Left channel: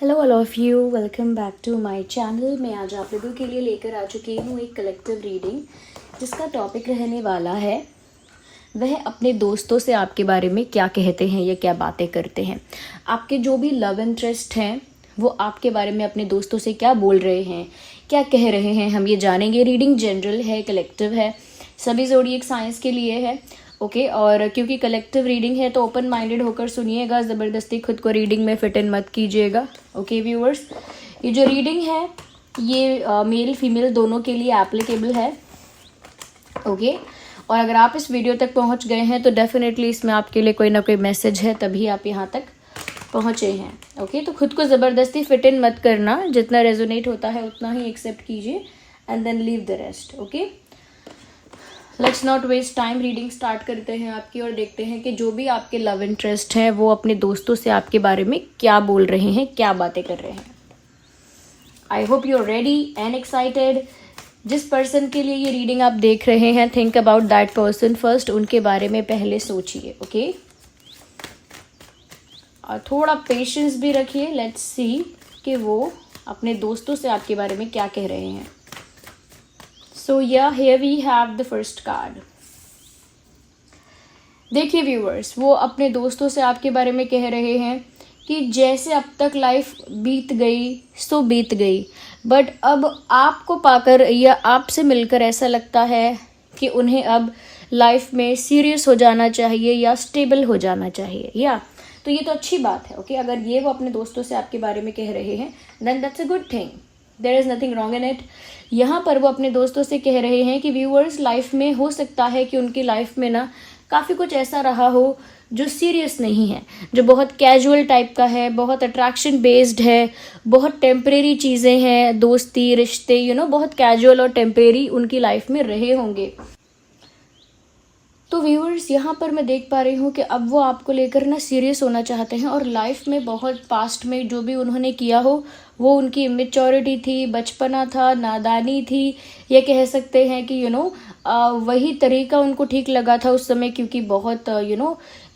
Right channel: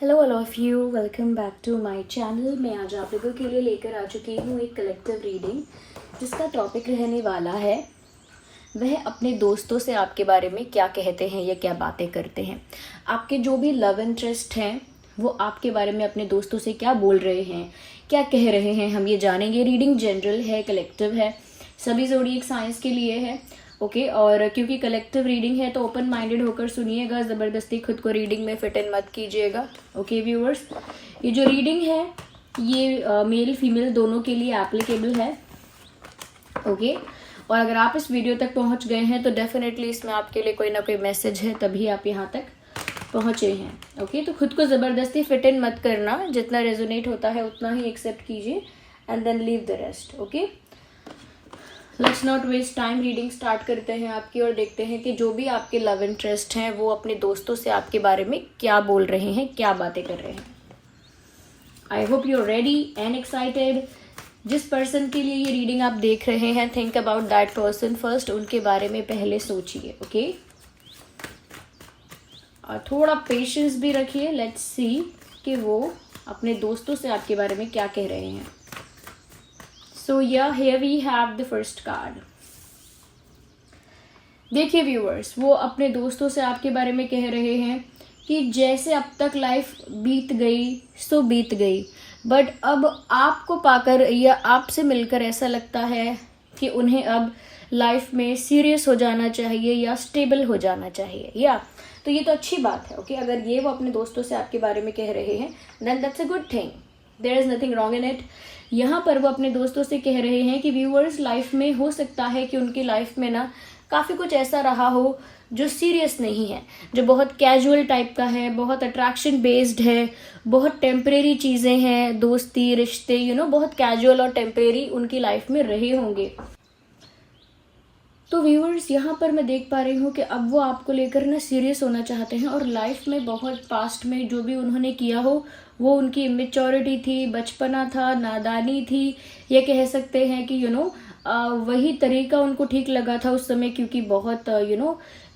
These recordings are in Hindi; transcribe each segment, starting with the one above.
Hello all of you, welcome back to my channel. मैं आज आप लोगों के लिए लेकर आ चुकी हूँ एक कलेक्टिव रीडिंग जिसका टॉपिक रहने वाला है वह अपने दोस्तों से आपके बारे में क्या कहते हैं या क्या बातें करते हैं। आपके जो भी लव इंटरेस्ट हैं वो आपके बारे में अपने दोस्तों से क्या बोल रहे हैं, क्या कह रहे हैं, हम ये जानेंगे। रीडिंग जनरल है, कलेक्टिव है, सभी ज़ोडिएक साइंस के लिए है। ओके और क्योंकि कलेक्टिव रीडिंग है तो ओपन माइंडेड होकर सुनिएगा, ज़बरदस्ती खुद को रीडिंग में फिट इन मत कीजिएगा। ओके व्यूअर्स, ये जो रीडिंग है ये मेल फीमेल दोनों के लिए एप्लीकेबल है। ओके और अगर आप इस वीडियो तक पहुंच गए हैं तो डेफिनेटली इसमें आपके लिए कोई ना कोई मैसेज है, तभी आप यहाँ तक पहुँचे हैं। ओके तो खुद को ज़बरदस्ती फिट इन मत करना, जितना रेजोनेट होता है उतना ही एक्सेप्ट कीजिए and then leave the rest. Okay let's not waste time, reading start करते हैं आपकी और देखते हैं कि जो भी आपके लव इंटरेस्ट है वो अपने दोस्तों से आपके बारे में क्या बोल रहे हैं, क्या बातें कर रहे हैं। I hope you are ready and excited. जिस पर्सन के लिए ये रीडिंग आप देख रहे हैं, think about that person first, उनके बारे में पहले सोचिए। ओके और थोड़ा पेशेंस भी रखिए। लेट्स सी कि वो अपने दोस्तों से आपके बारे में क्या कह रहे हैं। So yeah, here we have the first card. देखिए व्यूअर्स, वो अपने दोस्तों से आपके बारे में कह रहे हैं कि जैसे अब तक लाइफ बीत गई सो बीत गई, बट अब आपको पाकर या आपसे मिलकर ऐसा लगता है कि उन्हें अब लाइफ में सीरियस हो जाना चाहिए या स्टेबल हो जाना चाहिए। या तो ये तो अच्छी बात है। ओके अगर ये वो अपने दोस्तों से आपके बारे में कह रहे हैं then that's a good thing, there is nothing wrong in it. यहाँ पर वो अपने दोस्तों से कह रहे हैं कि व्यूअर्स, लाइफ में हो सकता है कि उनकी लाइफ में ना काफ़ी कुछ ऐसा रहा हो जो सीरियस नहीं है, जो बहुत कैजुअल टाइप का है, बहुत अट्रैक्शन बेस्ड है, बहुत टेम्परेरी चीज़ें हैं, दोस्ती रिश्ते बहुत कैजुअल और टेम्परेरी उनकी लाइफ में रहे होंगे। तो व्यूअर्स यहाँ पर मैं देख पा रही हूँ कि अब वो आपको लेकर ना सीरियस होना चाहते हैं और लाइफ में बहुत पास्ट में जो भी उन्होंने किया हो वो उनकी इमेच्योरिटी थी, बचपना था, नादानी थी। ये कह सकते हैं कि वही तरीका उनको ठीक लगा था उस समय, क्योंकि बहुत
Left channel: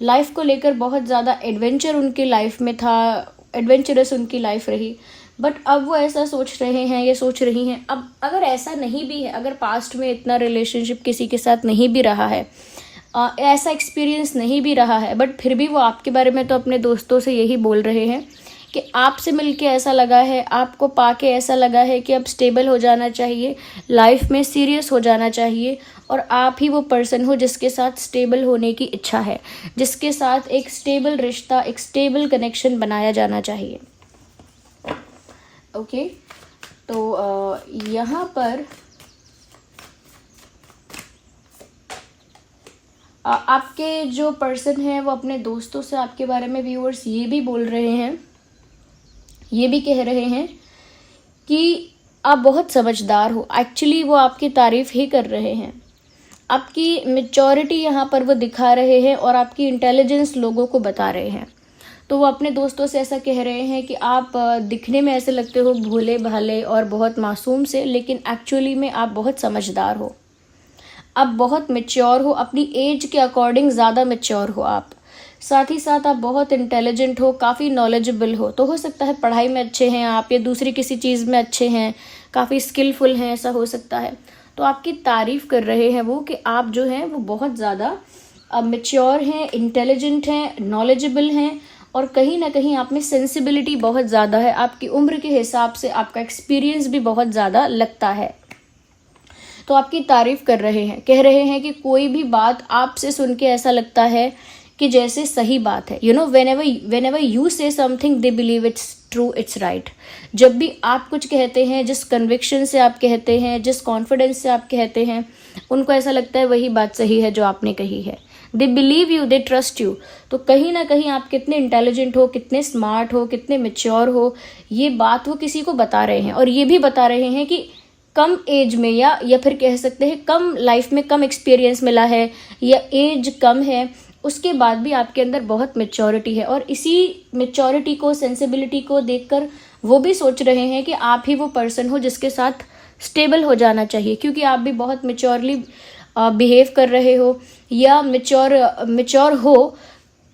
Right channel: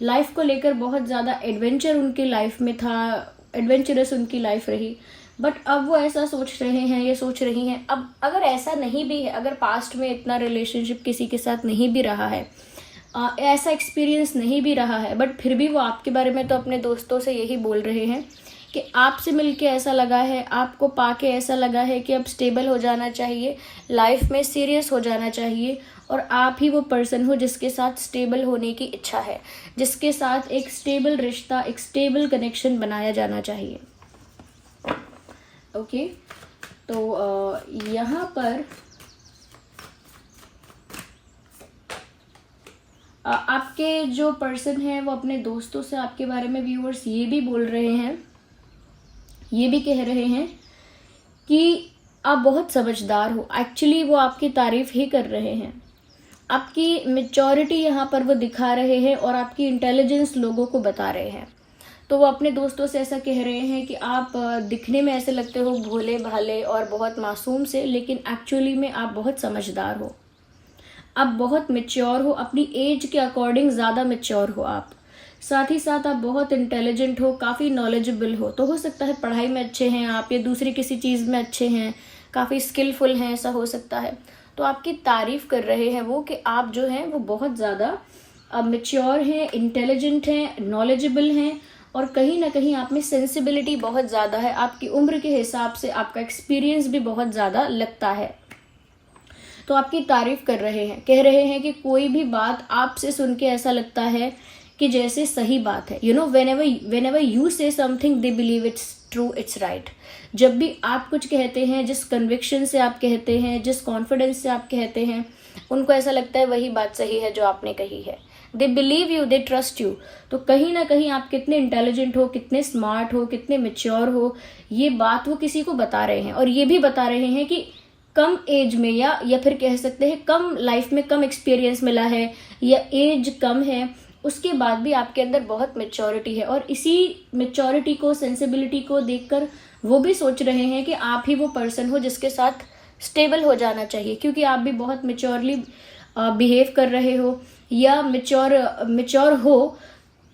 लाइफ को लेकर बहुत ज़्यादा एडवेंचर उनकी लाइफ में था, एडवेंचरस उनकी लाइफ रही। बट अब वो ऐसा सोच रहे हैं, ये सोच रही हैं, अब अगर ऐसा नहीं भी है, अगर पास्ट में इतना रिलेशनशिप किसी के साथ नहीं भी रहा है, ऐसा एक्सपीरियंस नहीं भी रहा है, बट फिर भी वो आपके बारे में तो अपने दोस्तों से यही बोल रहे हैं कि आपसे मिलके ऐसा लगा है, आपको पाके ऐसा लगा है कि अब स्टेबल हो जाना चाहिए, लाइफ में सीरियस हो जाना चाहिए और आप ही वो पर्सन हो जिसके साथ स्टेबल होने की इच्छा है, जिसके साथ एक स्टेबल रिश्ता, एक स्टेबल कनेक्शन बनाया जाना चाहिए। ओके तो यहाँ पर आपके जो पर्सन हैं वो अपने दोस्तों से आपके बारे में व्यूअर्स ये भी बोल रहे हैं, ये भी कह रहे हैं कि आप बहुत समझदार हो। एक्चुअली वो आपकी तारीफ ही कर रहे हैं, आपकी मैच्योरिटी यहाँ पर वो दिखा रहे हैं और आपकी इंटेलिजेंस लोगों को बता रहे हैं। तो वो अपने दोस्तों से ऐसा कह रहे हैं कि आप दिखने में ऐसे लगते हो भोले भाले और बहुत मासूम से, लेकिन एक्चुअली में आप बहुत समझदार हो, आप बहुत मैच्योर हो, अपनी एज के अकॉर्डिंग ज़्यादा मैच्योर हो आप। साथ ही साथ आप बहुत इंटेलिजेंट हो, काफ़ी नॉलेजेबल हो सकता है पढ़ाई में अच्छे हैं आप या दूसरी किसी चीज़ में अच्छे हैं, काफ़ी स्किलफुल हैं, ऐसा हो सकता है। तो आपकी तारीफ़ कर रहे हैं वो कि आप जो हैं वो बहुत ज़्यादा मैच्योर हैं, इंटेलिजेंट हैं, नॉलेजेबल हैं और कहीं ना कहीं आप में सेंसिबिलिटी बहुत ज़्यादा है। आपकी उम्र के हिसाब से आपका एक्सपीरियंस भी बहुत ज़्यादा लगता है। तो आपकी तारीफ़ कर रहे हैं, कह रहे हैं कि कोई भी बात आपसे सुन के ऐसा लगता है कि जैसे सही बात है। whenever you say something they believe it's true, it's right। जब भी आप कुछ कहते हैं, जिस कन्विक्शन से आप कहते हैं, जिस कॉन्फिडेंस से आप कहते हैं, उनको ऐसा लगता है वही बात सही है जो आपने कही है। They believe you, they trust you. तो कहीं ना कहीं आप कितने इंटेलिजेंट हो, कितने स्मार्ट हो, कितने मैच्योर हो, ये बात वो किसी को बता रहे हैं और ये भी बता रहे हैं कि कम एज में या फिर कह सकते हैं कम लाइफ में कम एक्सपीरियंस मिला है या एज कम है, उसके बाद भी आपके अंदर बहुत मैच्योरिटी है। और इसी मैच्योरिटी को, सेंसिबिलिटी को देखकर वो भी सोच रहे हैं कि आप ही वो पर्सन हो जिसके साथ स्टेबल हो जाना चाहिए, क्योंकि आप भी बहुत मैच्योरली बिहेव कर रहे हो या मैच्योर हो,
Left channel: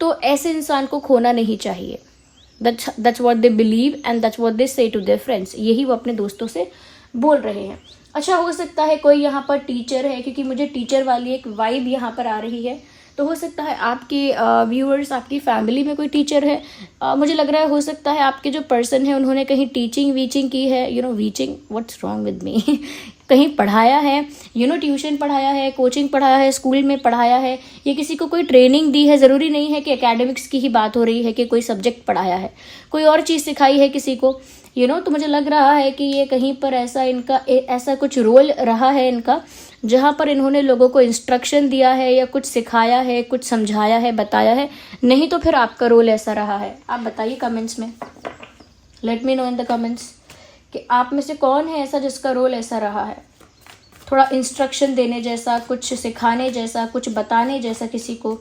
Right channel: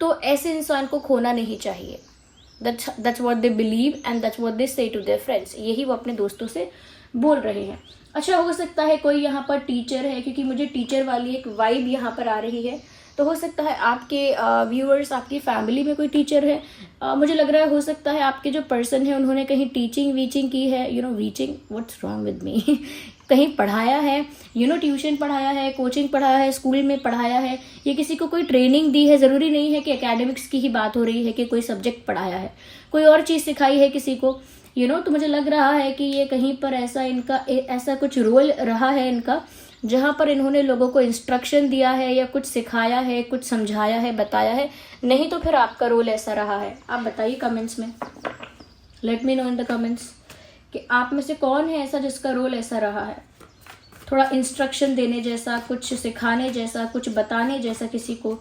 तो ऐसे इंसान को खोना नहीं चाहिए। That's what they believe and that's what they से टू देयर फ्रेंड्स। यही वो अपने दोस्तों से बोल रहे हैं। अच्छा, हो सकता है कोई यहाँ पर टीचर है, क्योंकि मुझे टीचर वाली एक वाइब यहाँ पर आ रही है। तो हो सकता है आपके व्यूअर्स, आपकी फैमिली में कोई टीचर है। मुझे लग रहा है हो सकता है आपके जो पर्सन है उन्होंने कहीं टीचिंग वीचिंग की है, वीचिंग, व्हाट्स रॉन्ग विद मी कहीं पढ़ाया है, ट्यूशन पढ़ाया है, कोचिंग पढ़ाया है, स्कूल में पढ़ाया है, या किसी को कोई ट्रेनिंग दी है। ज़रूरी नहीं है कि एकेडमिक्स की ही बात हो रही है कि कोई सब्जेक्ट पढ़ाया है, कोई और चीज़ सिखाई है किसी को, तो मुझे लग रहा है कि ये कहीं पर ऐसा कुछ रोल रहा है इनका, जहाँ पर इन्होंने लोगों को इंस्ट्रक्शन दिया है या कुछ सिखाया है, कुछ समझाया है, बताया है। नहीं तो फिर आपका रोल ऐसा रहा है। आप बताइए कमेंट्स में, let me know in the comments कि आप में से कौन है ऐसा जिसका रोल ऐसा रहा है, थोड़ा इंस्ट्रक्शन देने जैसा, कुछ सिखाने जैसा, कुछ बताने जैसा किसी को।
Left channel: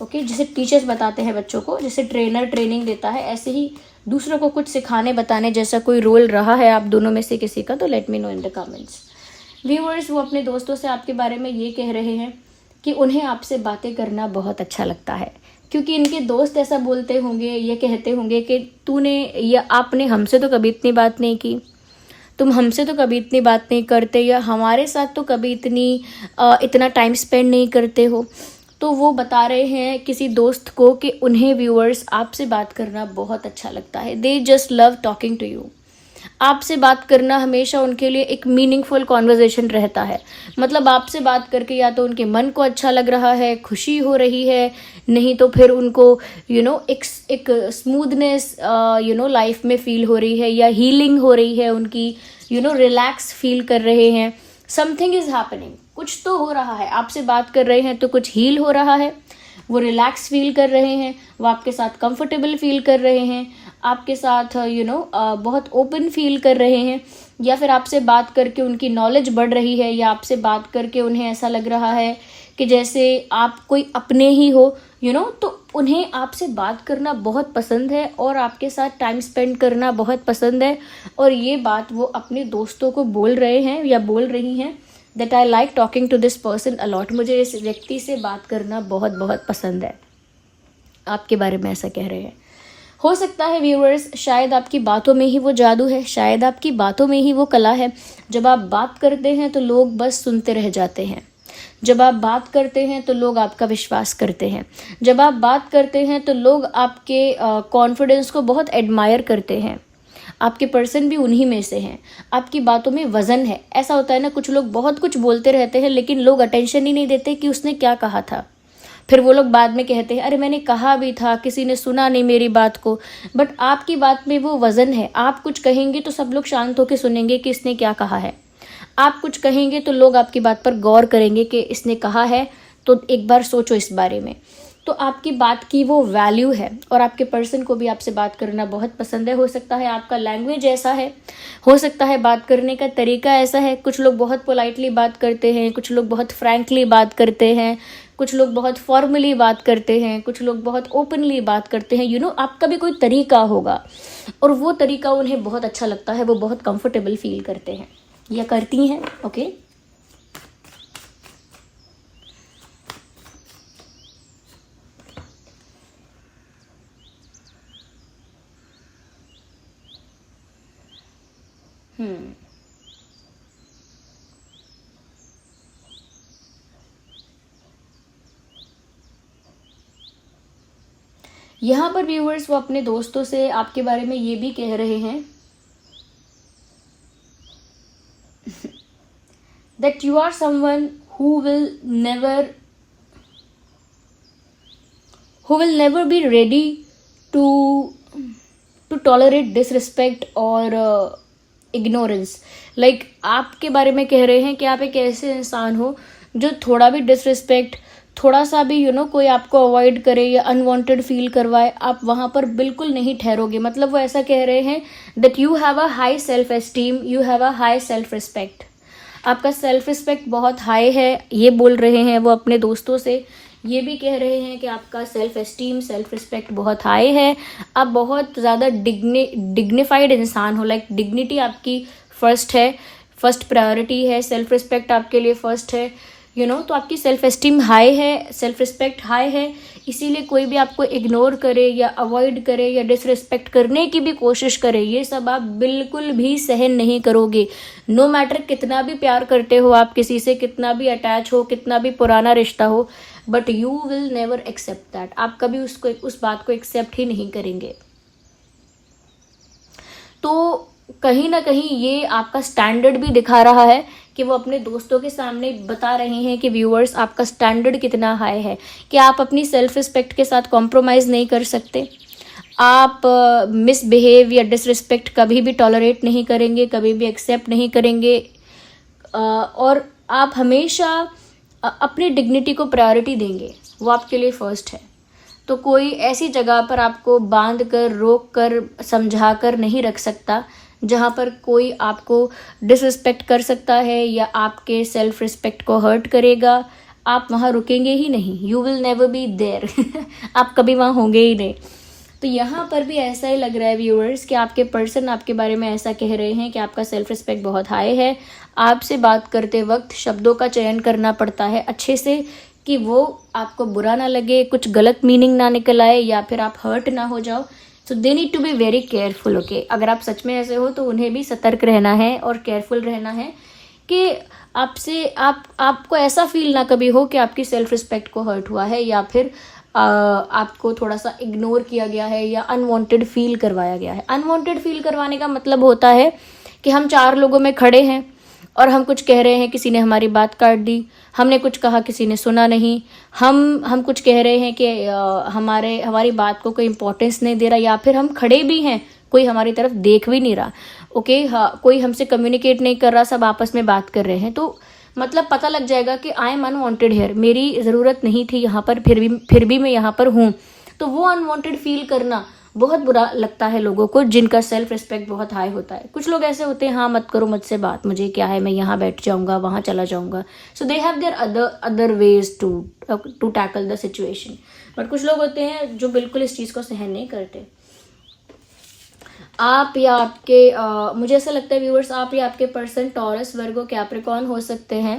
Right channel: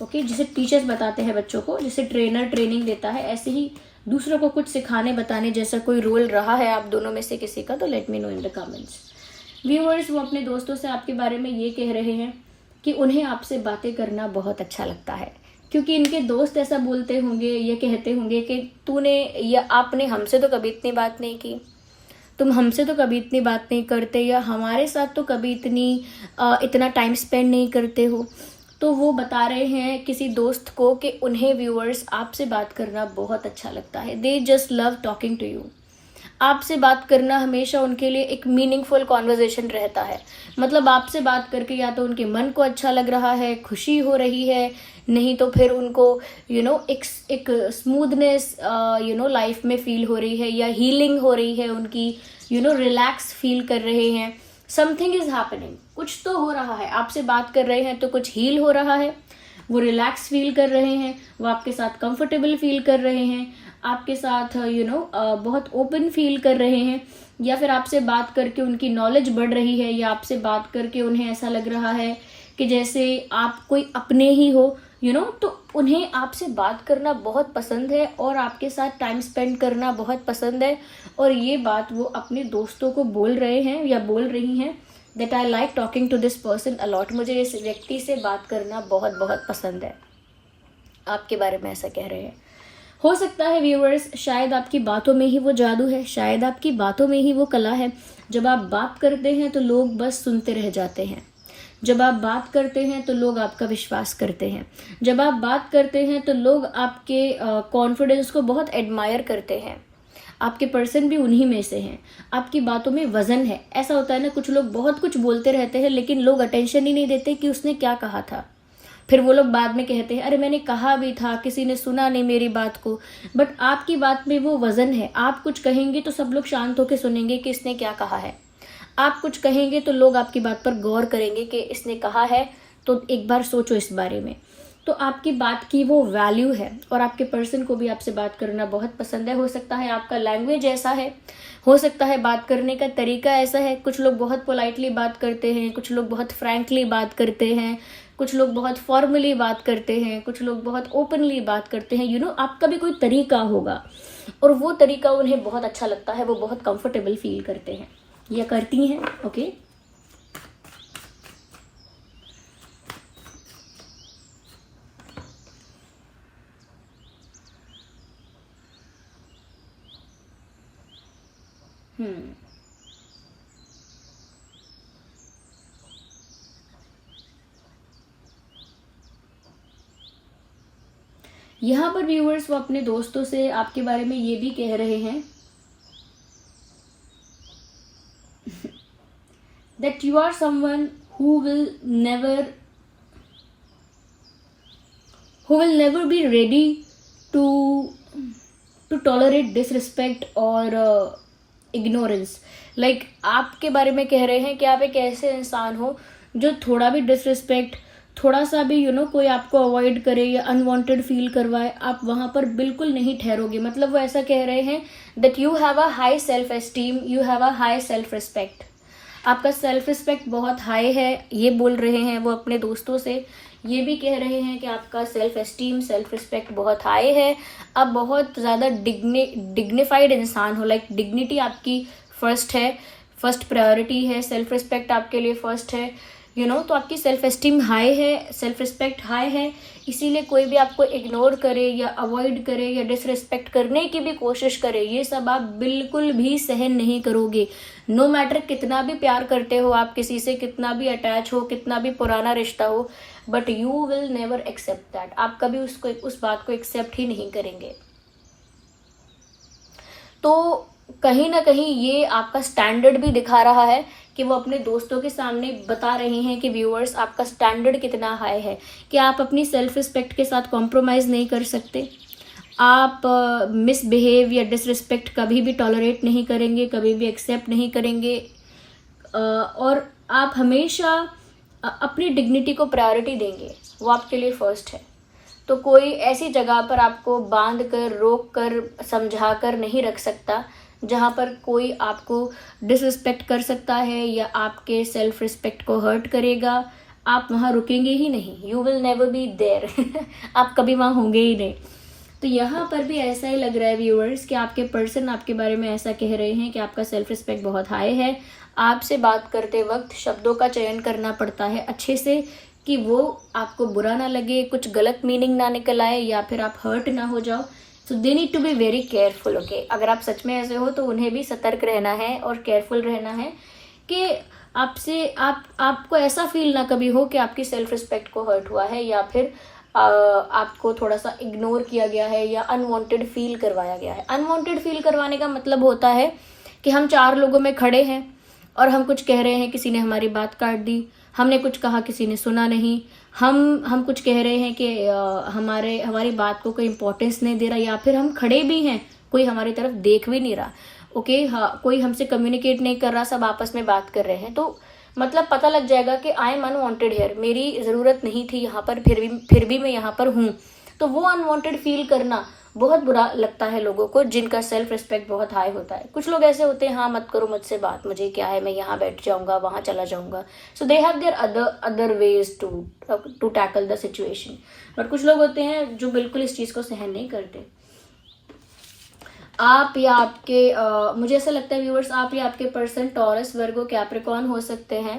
ओके, जिसे टीचर्स बताते हैं बच्चों को, जिसे ट्रेनर ट्रेनिंग देता है, ऐसे ही दूसरों को कुछ सिखाने बताने जैसा कोई रोल रहा है आप दोनों में से किसी का, तो let me know in the comments. Viewers, वो अपने दोस्तों से आपके बारे में ये कह रहे हैं कि उन्हें आपसे बातें करना बहुत अच्छा लगता है, क्योंकि इनके दोस्त ऐसा बोलते होंगे, ये कहते होंगे कि तूने या आपने हमसे तो कभी इतनी बात नहीं की, तुम हमसे तो कभी इतनी बात नहीं करते, या हमारे साथ तो कभी इतना टाइम स्पेंड नहीं करते हो। तो वो बता रहे हैं किसी दोस्त को कि उन्हें व्यूअर्स आपसे बात करना बहुत अच्छा लगता है। They just love talking to you. आपसे बात करना हमेशा उनके लिए एक मीनिंगफुल कॉन्वर्जेशन रहता है। मतलब आपसे बात करके या तो उनके मन को अच्छा लग रहा है, खुशी हो रही है, नहीं तो फिर उनको एक स्मूथनेस लाइफ में फील हो रही है, या हीलिंग हो रही है उनकी, रिलैक्स फील कर रहे हैं। समथिंग इज हैपनिंग, कुछ तो हो रहा है। आपसे बात कर रहे हैं तो कुछ हील हो रहा है, वो रिलैक्स फील कर रहे हैं, वो आपके साथ कंफर्टेबल फील कर रहे हैं, आपके साथ बहुत ओपन फील कर रहे हैं, या फिर आपसे बात करके उनकी नॉलेज बढ़ रही है, या आपसे बात करके उन्हें ऐसा लग रहा है कि जैसे आप कोई अपने ही हो, तो उन्हें आपसे बात करना बहुत पसंद है और आपके साथ टाइम स्पेंड करना बहुत पसंद है। और ये बात वो अपने दोस्तों को बोल रहे हैं या बोल रही हैं, that I like talking to this person a lot. मुझे इस व्यक्ति से बात करना बहुत बहुत पसंद है। आपके बारे में ऐसा कह रहे हैं। हो सकता है व्यूअर्स, शायद आपकी बातों में ही वो जादू है, शायद आपकी बातों में ही वो कला है। जब आप बात करते हैं तो लोग बस सुनते रह जाते हैं। जब आप बात करते हैं तो लोग आपका विश्वास करते हैं। जब आप बात करते हैं तो लोग आपके कॉन्फिडेंस को बहुत एडमायर करते हैं। आपके पर्सन भी उन्हीं में से हैं। आपकी बातों में वज़न है। ऐसा होता है ना, कुछ लोग बहुत कुछ बोलते रहते हैं लेकिन लोग अटेंशन ही नहीं देते कि उसने क्या कहा था। फिर वो लोग बाद में कहते हैं, अरे मैंने कहा भी था, किसी ने सुना नहीं मेरी बात को। बट आपकी बात में वो वज़न है। आप कुछ कहेंगे तो सब लोग शांत होकर सुनेंगे कि इसने क्या कहा है। आप कुछ कहेंगे तो लोग आपकी बात पर गौर करेंगे कि इसने कहा है तो एक बार सोचो इस बारे में। तो आपकी बात की वो वैल्यू है और आपके पर्सन को भी आपसे बात करना बहुत पसंद है। हो सकता है आपका लैंग्वेज ऐसा है, हो सकता है बात करने का तरीका ऐसा है। कुछ लोग बहुत पोलाइटली बात करते हैं, कुछ लोग बहुत फ्रैंकली बात करते हैं, कुछ लोग बहुत फॉर्मली बात करते हैं, कुछ लोग बहुत ओपनली बात करते हैं। आपका भी कोई तरीका होगा और वो तरीका उन्हें बहुत अच्छा लगता है, वो बहुत कंफर्टेबल फील करते हैं या करती हैं। ओके, यहाँ पर व्यूअर्स वो अपने दोस्तों से आपके बारे में ये भी कह रहे हैं that you are someone who will never be ready to tolerate disrespect और ignorance। like आपके बारे में कह रहे हैं कि आप एक ऐसे इंसान हो जो थोड़ा भी डिसरिस्पेक्ट, थोड़ा सा भी कोई आपको अवॉइड करे या अनवांटेड फील करवाए, आप वहाँ पर बिल्कुल नहीं ठहरोगे। मतलब वो ऐसा कह रहे हैं that you have a high self esteem, you have a high self respect। आपका सेल्फ रिस्पेक्ट बहुत हाई है, ये बोल रहे हैं वो अपने दोस्तों से। ये भी कह रहे हैं कि आपका सेल्फ एस्टीम, सेल्फ रिस्पेक्ट बहुत हाई है। आप बहुत ज़्यादा डिग्निफाइड इंसान हो। लाइक डिग्निटी आपकी फर्स्ट है, फर्स्ट प्रायोरिटी है, सेल्फ रिस्पेक्ट आपके लिए फर्स्ट है। तो आपकी सेल्फ एस्टीम हाई है, सेल्फ रिस्पेक्ट हाई है, इसीलिए कोई भी आपको इग्नोर करे या अवॉइड करे या डिसरिस्पेक्ट करने की भी कोशिश करे, ये सब आप बिल्कुल भी सहन नहीं करोगे। नो मैटर कितना भी प्यार करते हो आप किसी से, कितना भी अटैच हो, कितना भी पुराना रिश्ता हो, but you will never accept that. आप कभी उस बात को एक्सेप्ट ही नहीं करेंगे। तो कहीं ना कहीं ये आपका स्टैंडर्ड भी दिखा रहा है कि वो अपने दोस्तों के सामने बता रहे हैं कि व्यूअर्स आपका स्टैंडर्ड कितना हाई है, कि आप अपनी सेल्फ रिस्पेक्ट के साथ कॉम्प्रोमाइज़ नहीं कर सकते, आप मिसबिहेव या डिसरिस्पेक्ट कभी भी टॉलरेट नहीं करेंगे, कभी भी एक्सेप्ट नहीं करेंगे, और आप हमेशा अपनी डिग्निटी को प्रायोरिटी देंगे, वो आपके लिए फर्स्ट है। तो कोई ऐसी जगह पर आपको बांध कर, रोक कर, समझा कर नहीं रख सकता जहाँ पर कोई आपको डिसरिस्पेक्ट कर सकता है या आपके सेल्फ रिस्पेक्ट को हर्ट करेगा। आप वहाँ रुकेंगे ही नहीं, you will never be there. आप कभी वहाँ होंगे ही नहीं। तो यहाँ पर भी ऐसा ही लग रहा है व्यूअर्स कि आपके पर्सन आपके बारे में ऐसा कह रहे हैं कि आपका सेल्फ रिस्पेक्ट बहुत हाई है। आपसे बात करते वक्त शब्दों का चयन करना पड़ता है अच्छे से, कि वो आपको बुरा ना लगे, कुछ गलत मीनिंग ना निकल आए या फिर आप हर्ट ना हो जाओ। So they need to be very careful. Okay, अगर आप सच में ऐसे हो तो उन्हें भी सतर्क रहना है और केयरफुल रहना है कि आपको ऐसा फील ना कभी हो कि आपकी सेल्फ रिस्पेक्ट को हर्ट हुआ है या फिर आपको थोड़ा सा इग्नोर किया गया है या अनवांटेड फील करवाया गया है। अनवांटेड फील करवाने का मतलब होता है कि हम 4 लोगों में खड़े हैं और हम कुछ कह रहे हैं, किसी ने हमारी बात काट दी, हमने कुछ कहा, किसी ने सुना नहीं, हम कुछ कह रहे हैं कि हमारी बात को कोई इम्पोर्टेंस नहीं दे रहा, या फिर हम खड़े भी हैं, कोई हमारी तरफ देख भी नहीं रहा। ओके, हाँ, कोई हमसे कम्युनिकेट नहीं कर रहा, सब आपस में बात कर रहे हैं, तो मतलब पता लग जाएगा कि आई एम अनवांटेड हेयर, मेरी ज़रूरत नहीं थी यहाँ पर, फिर भी मैं यहाँ पर हूँ। तो वो अनवांटेड फील करना बहुत बुरा लगता है लोगों को जिनका सेल्फ रिस्पेक्ट बहुत हाई होता है। कुछ लोग ऐसे होते हैं, हाँ मत करो मुझसे बात, मुझे क्या है, मैं यहाँ बैठ जाऊँगा, वहाँ चला जाऊँगा। So they have their other ways to tackle the situation. But कुछ लोग होते हैं जो बिल्कुल इस चीज़ को सहन नहीं करते। आप या आपके मुझे ऐसा लगता है व्यूअर्स, आप या आपके पर्सन टॉरस, वर्गो, कैप्रिकॉर्न हो सकते हैं,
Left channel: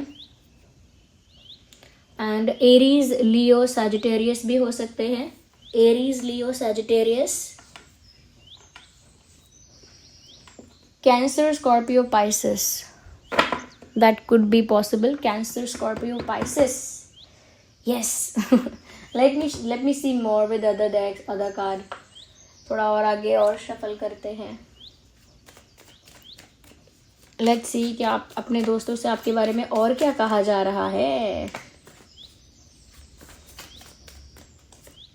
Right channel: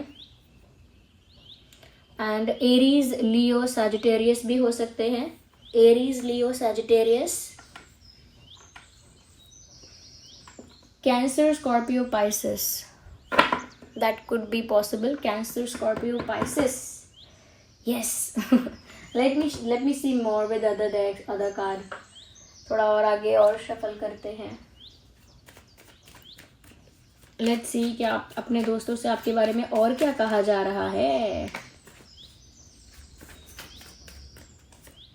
एंड एरीज, लियो, सैजिटेरियस भी हो सकते हैं। Aries, Leo, Sagittarius, cancer, Scorpio, Pisces, that could be possible. Cancer, Scorpio, Pisces. Yes. let me see more with other decks, other card. थोड़ा और आगे और शफल करते हैं। लेट्स सी कि आप अपने दोस्तों से आपके बारे में और क्या कहा जा रहा है।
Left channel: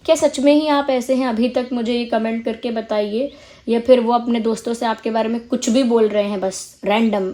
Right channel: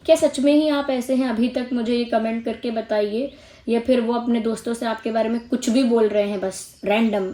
क्या सच में ही आप ऐसे हैं? अभी तक मुझे ये कमेंट करके बताइए, या फिर वो अपने दोस्तों से आपके बारे में कुछ भी बोल रहे हैं, बस रैंडम।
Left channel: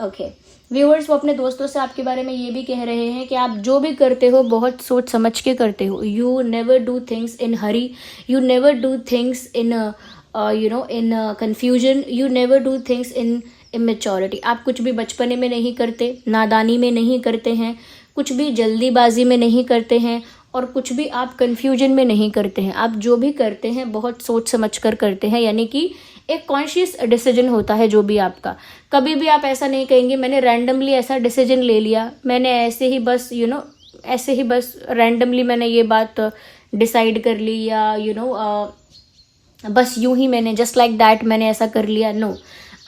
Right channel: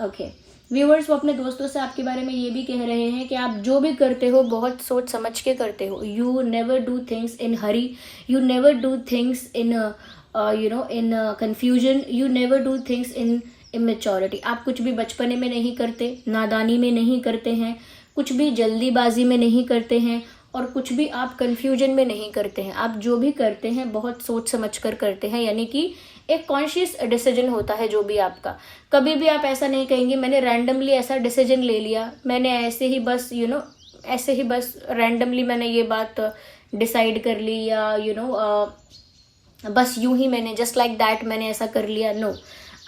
ओके व्यूअर्स, वो अपने दोस्तों से आपके बारे में ये भी कह रहे हैं कि आप जो भी करते हो बहुत सोच समझ के करते हो। You never do things in Hari, you never do things in in confusion, you never do things in immaturity. आप कुछ भी बचपने में नहीं करते, नादानी में नहीं करते हैं, कुछ भी जल्दीबाजी में नहीं करते हैं, और कुछ भी आप कन्फ्यूजन में नहीं करते हैं। आप जो भी करते हैं बहुत सोच समझ कर करते हैं, यानी कि एक कॉन्शियस डिसीजन होता है जो भी आपका। कभी भी आप ऐसा नहीं कहेंगे मैंने रैंडमली ऐसा डिसीजन ले लिया, मैंने ऐसे ही बस ऐसे ही बस रैंडमली मैंने ये बात डिसाइड कर ली, या बस यूं ही मैंने जस्ट लाइक दैट मैंने ऐसा कर लिया। नो,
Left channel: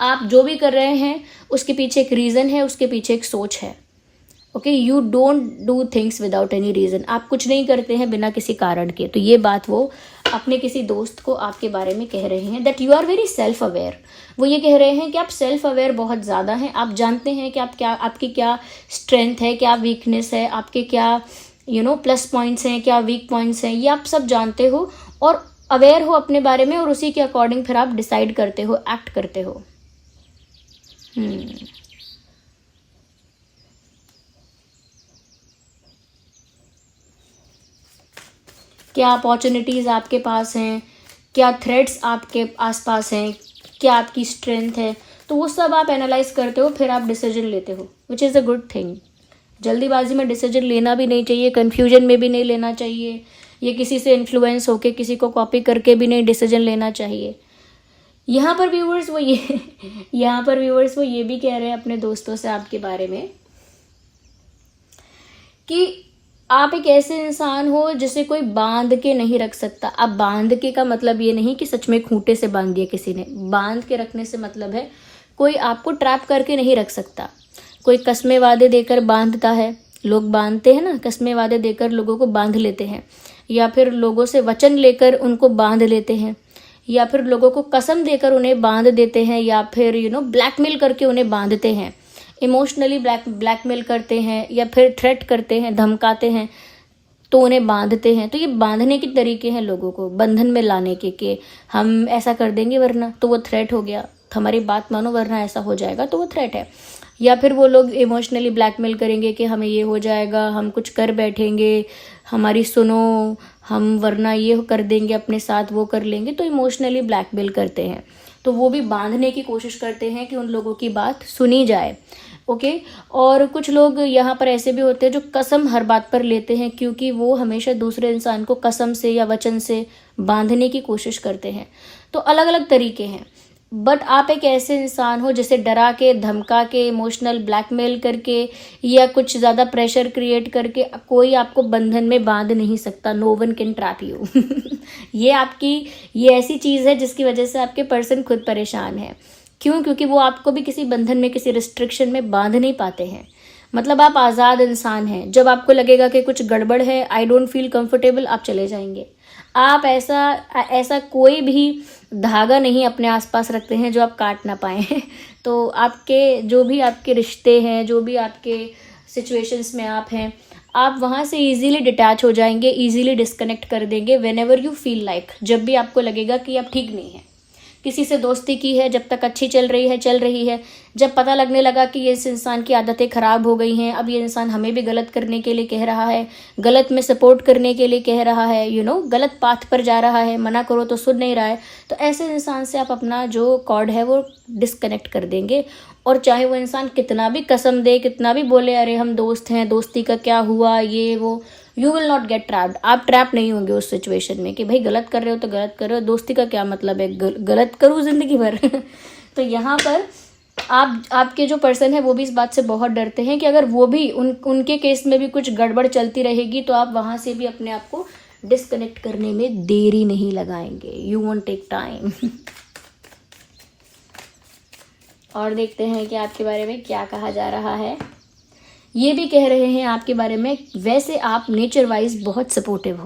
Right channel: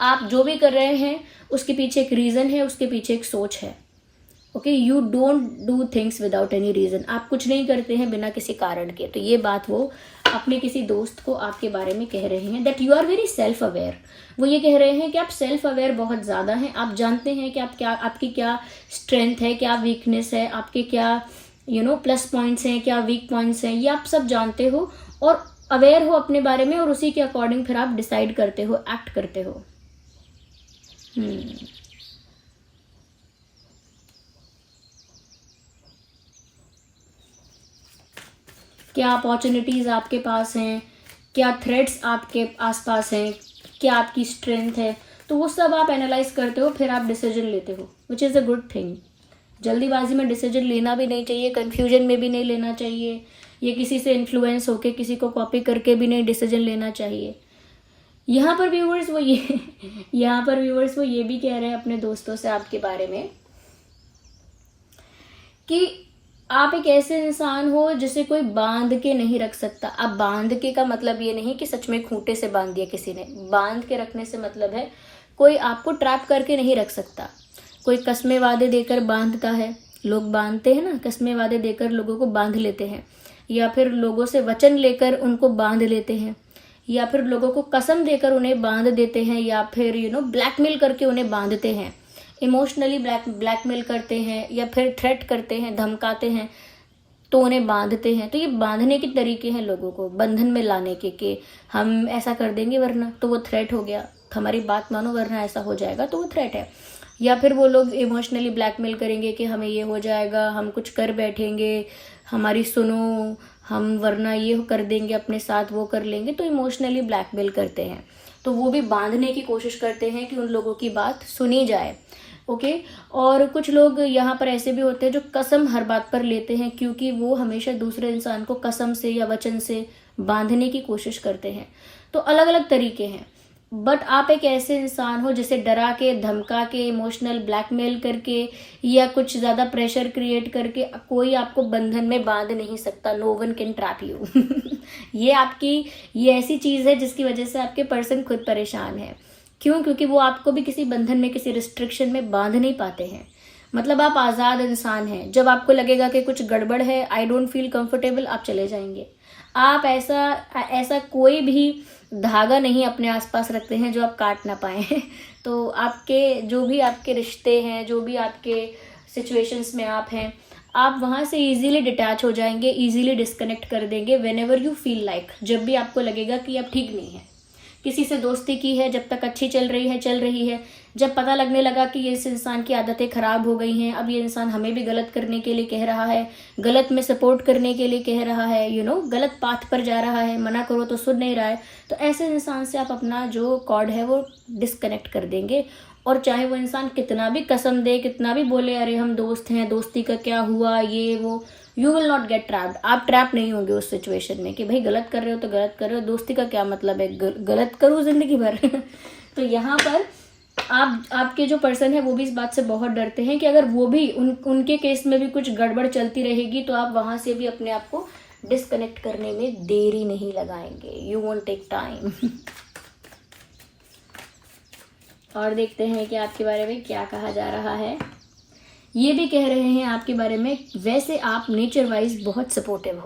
आप जो भी कर रहे हैं उसके पीछे एक रीज़न है, उसके पीछे एक सोच है। Okay, you don't do things without any reason. आप कुछ नहीं करते हैं बिना किसी कारण के। तो ये बात वो अपने किसी दोस्त को आपके बारे में कह रहे हैं, that you are very self aware. वो ये कह रहे हैं कि आप सेल्फ अवेयर बहुत ज़्यादा हैं, आप जानते हैं कि आपकी क्या स्ट्रेंथ है, क्या वीकनेस है, आपके क्या प्लस पॉइंट्स हैं, क्या वीक पॉइंट्स हैं, ये आप सब जानते हो और अवेयर हो अपने बारे में, और उसी के अकॉर्डिंग फिर आप डिसाइड करते हो, एक्ट करते हो। क्या अपॉर्चुनिटीज़ आपके पास हैं, क्या थ्रेड्स आपके आसपास हैं, क्या आपकी स्ट्रेंथ है, तो वो सब आप एनालाइज करते हो, फिर आप डिसीजन लेते हो, which is a good thing. जल्दीबाजी में डिसीजन लेना भी नहीं चाहिए, कन्फ्यूजन में भी नहीं लेना चाहिए, ये किसी से इन्फ्लुएंस होके किसी को कॉपी करके भी नहीं डिसीजन लेना चाहिए। यहाँ पर व्यूअर्स वो ये भी कह रहे हैं अपने दोस्तों से आपके बारे में कि आप एक ऐसे इंसान हो जिसे कोई बांध के नहीं रख सकता। अब बांध के का मतलब ये नहीं कि सच में खूंटे से बांध दिया किसी ने। बांध के रखने से मतलब है कोई आपको ट्रैप करके नहीं रख सकता। कोई कस्में वादे देकर बांधता है, लोग बांधते हैं ना, कस्में वादे देकर लोगों को बांध लेते हैं, या फिर लोगों से वचन लेकर उनको बांध लेते हैं, या फिर लोगों को कसम देकर उन्हें बांध देते हैं, या फिर ब्लैकमेल करके उन्हें बांधते हैं, इमोशनली ब्लैकमेल करते हैं, या फिर थ्रेट करते हैं, धमकाते हैं, तो उन्हें बांधते हैं। तो ये बांधने के तरीके हैं लोगों को बंधन में लाने के, कि हम ऐसा कर देंगे वरना, तो वो थ्रेट हो गया, हमारी बात मानो वरना ऐसा हो जाएगा, तो वो थ्रेट है। या फिर वो लोग इमोशनली ब्लैकमेल करेंगे कि हमें ये हो जाएगा, हम कुछ कर बैठेंगे, हमारी सुनो, हम वरना ये कर देंगे अपने साथ, वो कर लेंगे, तो इमोशनली ब्लैकमेल करते हैं। तो वो भी बांधने की कोशिश करते हैं कि उन लोगों की बात सुनी जाए। ओके। और कुछ लोग यहाँ पर ऐसे भी होते हैं जो कसम हर बात पर लेते हैं, क्योंकि वो हमेशा दूसरे इंसान को कसम से या वचन से बांधने की कोशिश करते हैं। तो अलग अलग तरीके हैं। बट आप एक ऐसे इंसान हो जिसे डरा के, धमका के, इमोशनल ब्लैकमेल करके या कुछ ज़्यादा प्रेशर क्रिएट करके कोई आपको बंधन में बांध नहीं सकता। No one can trap you. ये ऐसी चीज़ है जिसकी वजह से आपके पर्सन खुद परेशान है। क्यों? क्योंकि वो आपको भी किसी बंधन में, किसी रिस्ट्रिक्शन में बांध नहीं पाते हैं। मतलब आप आज़ाद इंसान हैं। जब आपको लगेगा कि कुछ गड़बड़ है, आई डोंट फील कंफर्टेबल, आप चले जाएंगे। आप ऐसा कोई भी धागा नहीं अपने आसपास रखते हैं जो आप काट ना पाए। तो आपके जो भी आपके रिश्ते हैं, जो भी आपके सिचुएशंस में आप हैं, आप वहाँ से इजीली डिटैच हो जाएंगे, इजीली डिस्कनेक्ट कर देंगे व्हेनेवर यू फील लाइक। जब भी आपको लगेगा कि आप ठीक नहीं है, किसी से दोस्ती की है, जब तक अच्छी चल रही है, जब पता लगने लगा कि इस इंसान की आदतें ख़राब हो गई हैं, अब ये इंसान हमें भी गलत करने के लिए कह रहा है, गलत में सपोर्ट करने के लिए कह रहा है, गलत पाथ पर जा रहा है, मना करो तो सुन नहीं रहा है, तो ऐसे इंसान से आप अपना जो कॉर्ड है वो डिस्कनेक्ट कर देंगे। और चाहे वो इंसान कितना भी कसम दे, कितना भी बोले अरे हम दोस्त हैं, दोस्ती का क्या हुआ, ये वो, you will not gate trapped. आप ट्रैप नहीं होंगे उस सिचुएशन में कि भाई गलत कर रहे हो तो गलत कर रहे हो, दोस्ती का क्या मतलब है, गलत करूँ जिंदगी भर। तो यहाँ पर आपके जो पर्सन है वो भी इस बात से बहुत डरते हैं कि अगर वो भी उनके केस में भी कुछ गड़बड़ चलती रहेगी तो आप वहाँ से भी अपने आप को डिस्कनेक्ट करने में देरी नहीं लगाएंगे। You won't take time. और देखते हैं कि आपके बारे में क्या कहा जा रहा है। ये भी कह रहे हैं आपके बारे में, वैसे आप नेचर वाइज बहुत सपोर्टिव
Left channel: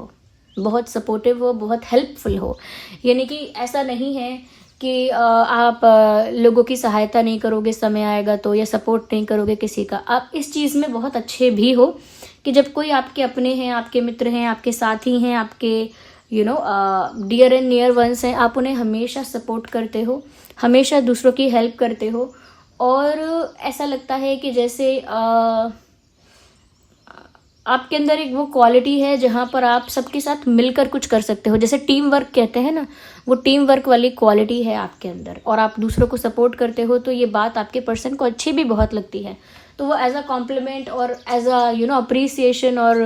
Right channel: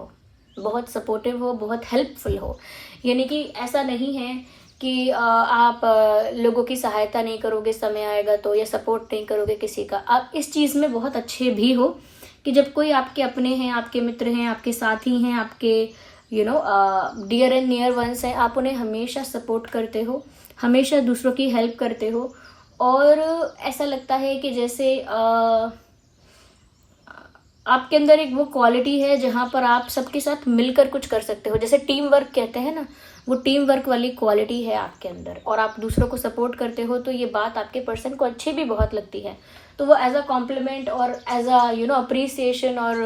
हो, बहुत हेल्पफुल हो। यानी कि ऐसा नहीं है कि आप लोगों की सहायता नहीं करोगे समय आएगा तो, या सपोर्ट नहीं करोगे किसी का। आप इस चीज़ में बहुत अच्छे भी हो कि जब कोई आपके अपने हैं, आपके मित्र हैं, आपके साथी हैं, आपके डियर एंड नियर वंस हैं, आप उन्हें हमेशा सपोर्ट करते हो, हमेशा दूसरों की हेल्प करते हो। और ऐसा लगता है कि जैसे आपके अंदर एक वो क्वालिटी है जहाँ पर आप सबके साथ मिलकर कुछ कर सकते हो, जैसे टीम वर्क कहते हैं ना, वो टीम वर्क वाली क्वालिटी है आपके अंदर, और आप दूसरों को सपोर्ट करते हो। तो ये बात आपके पर्सन को अच्छी भी बहुत लगती है। तो वो एज अ कॉम्प्लीमेंट और एज अ अप्रिसिएशन और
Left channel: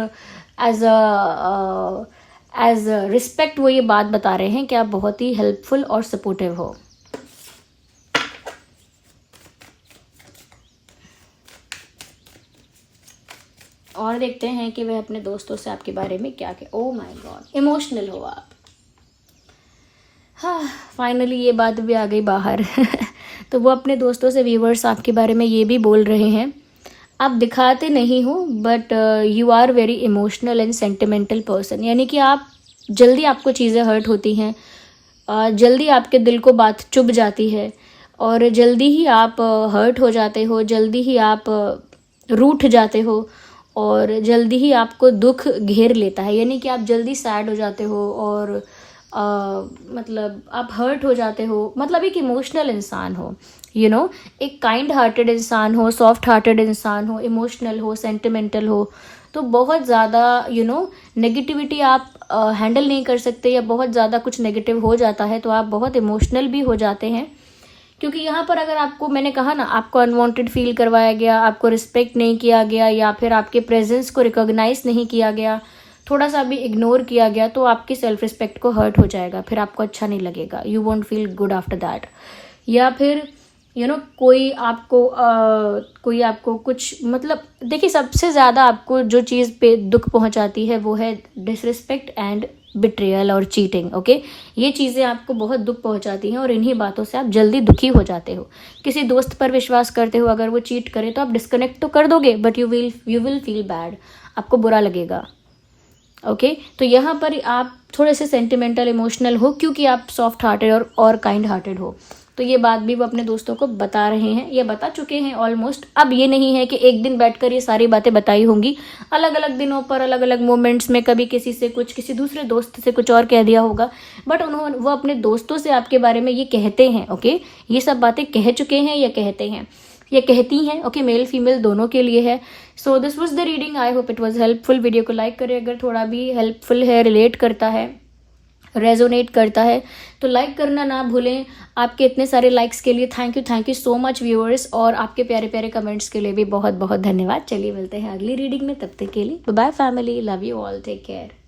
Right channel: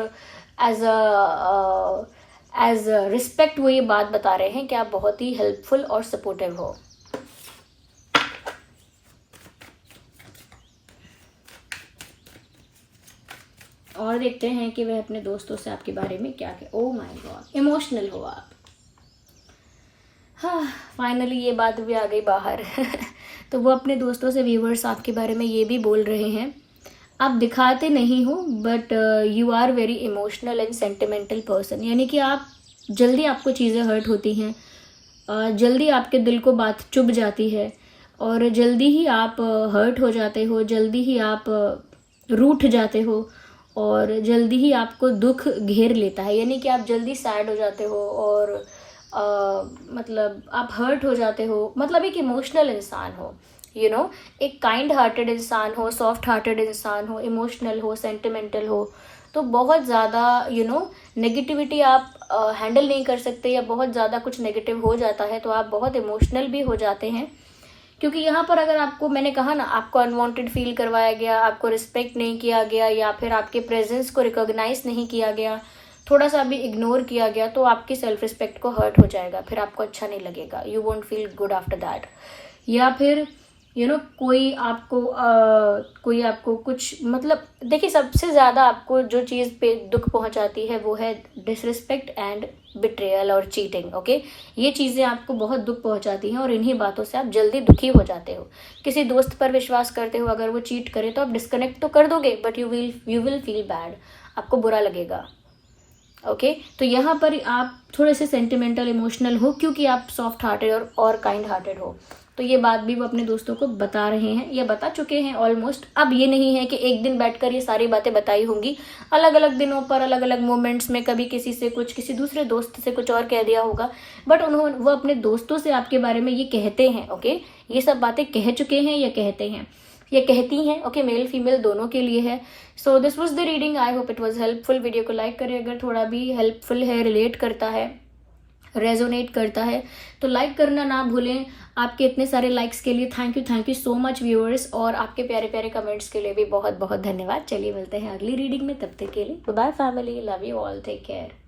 एज रिस्पेक्ट वो ये बात बता रहे हैं कि आप बहुत ही हेल्पफुल और सपोर्टिव हो। और देखते हैं कि वह अपने दोस्तों से आपके बारे में क्या क्या। ओह माय गॉड, इमोशनल हो आप। हाँ, फाइनली ये बात भी आ गई बाहर। तो वो अपने दोस्तों से, व्यूवर्स आपके बारे में ये भी बोल रहे हैं, आप दिखाते नहीं हो but you are very emotional and sentimental person. यानी कि आप जल्दी, आपको चीज़ें हर्ट होती हैं, जल्दी आपके दिल को बात चुभ जाती है, और जल्दी ही आप हर्ट हो जाते हो, जल्दी ही आप रूठ जाते हो, और जल्दी ही आपको दुख घेर लेता है। यानी कि आप जल्दी सैड हो जाते हो, और मतलब आप हर्ट हो जाते हो। मतलब एक इमोशनल इंसान हो, एक काइंड हार्टेड इंसान हो, सॉफ्ट हार्टेड इंसान हो, इमोशनल हो, सेंटिमेंटल हो। तो बहुत ज़्यादा नेगेटिविटी आप हैंडल नहीं कर सकते, या बहुत ज़्यादा कुछ नेगेटिव हो जाता है तो आप बहुत इमोशनल भी हो जाते हैं। क्योंकि यहाँ पर अगर आपको, मैंने कहा ना, आपको अनवांटेड फील करवाया गया, आपको रिस्पेक्ट नहीं किया गया, या फिर आपके प्रेजेंस को रिकॉग्नाइज नहीं किया गया, थोड़ा सा भी इग्नोर किया गया, तो आपकी सेल्फ रिस्पेक्ट को हर्ट हो जाएगा, फिर आपको अच्छा नहीं लगेगा, you won't feel good after that. या फिर कोई आपको कुछ मतलब, देखिए सबसे ज़्यादा आपको जो चीज़ पे दुख पहुंचाती है वो है डिसरिस्पेक्ट एंड बिट्रेयल और चीटिंग। ओके, ये चीज़ें आपको बहुत दुख पहुंचाती हैं और इन्हीं बातों से आप जल्दी दुखी हो जाते हो। किसी दोस्त पर विश्वास करते हो, अगर वो चीट करे तो आप डिस्कनेक्ट तो कर दोगे, but you will feel bad, आपको बुरा लगेगा। ओके, तो यहाँ पर आप थोड़े से सेंटिमेंटल इमोशनल हो क्योंकि आप सॉफ्ट हार्टेड और काइंड हार्टेड हो। तो ये बात भी वो अपने दोस्तों को बता रहे हैं, या बता चुके हैं ऑलमोस्ट। अब ये नहीं है कि एक दिन बैठकर ये सारी बातें बताई होंगी, अलग अलग दिनों पर अलग अलग मोमेंट्स में कभी किसी से कुछ, किसी दूसरे दोस्त से कुछ और कह दिया होगा, बट वो अपने दोस्तों से आपके बारे में ये कहते हैं। ओके, ये सब बातें कह चुके हैं या कहते हैं या कहती हैं। ओके, मेल फीमेल दोनों के लिए है। So this was the reading, I hope it was helpful. Video को लाइक करें अगर थोड़ा भी हेल्पफुल है, रिलेट करता है, रेजोनेट करता है तो लाइक करना ना भूलें। आपके इतने सारे लाइक्स के लिए thank you so much viewers, और आपके प्यारे प्यारे कमेंट्स के लिए भी बहुत बहुत धन्यवाद। चलिए मिलते हैं अगली रीडिंग में, तब तक के लिए bye family, love you all, take care.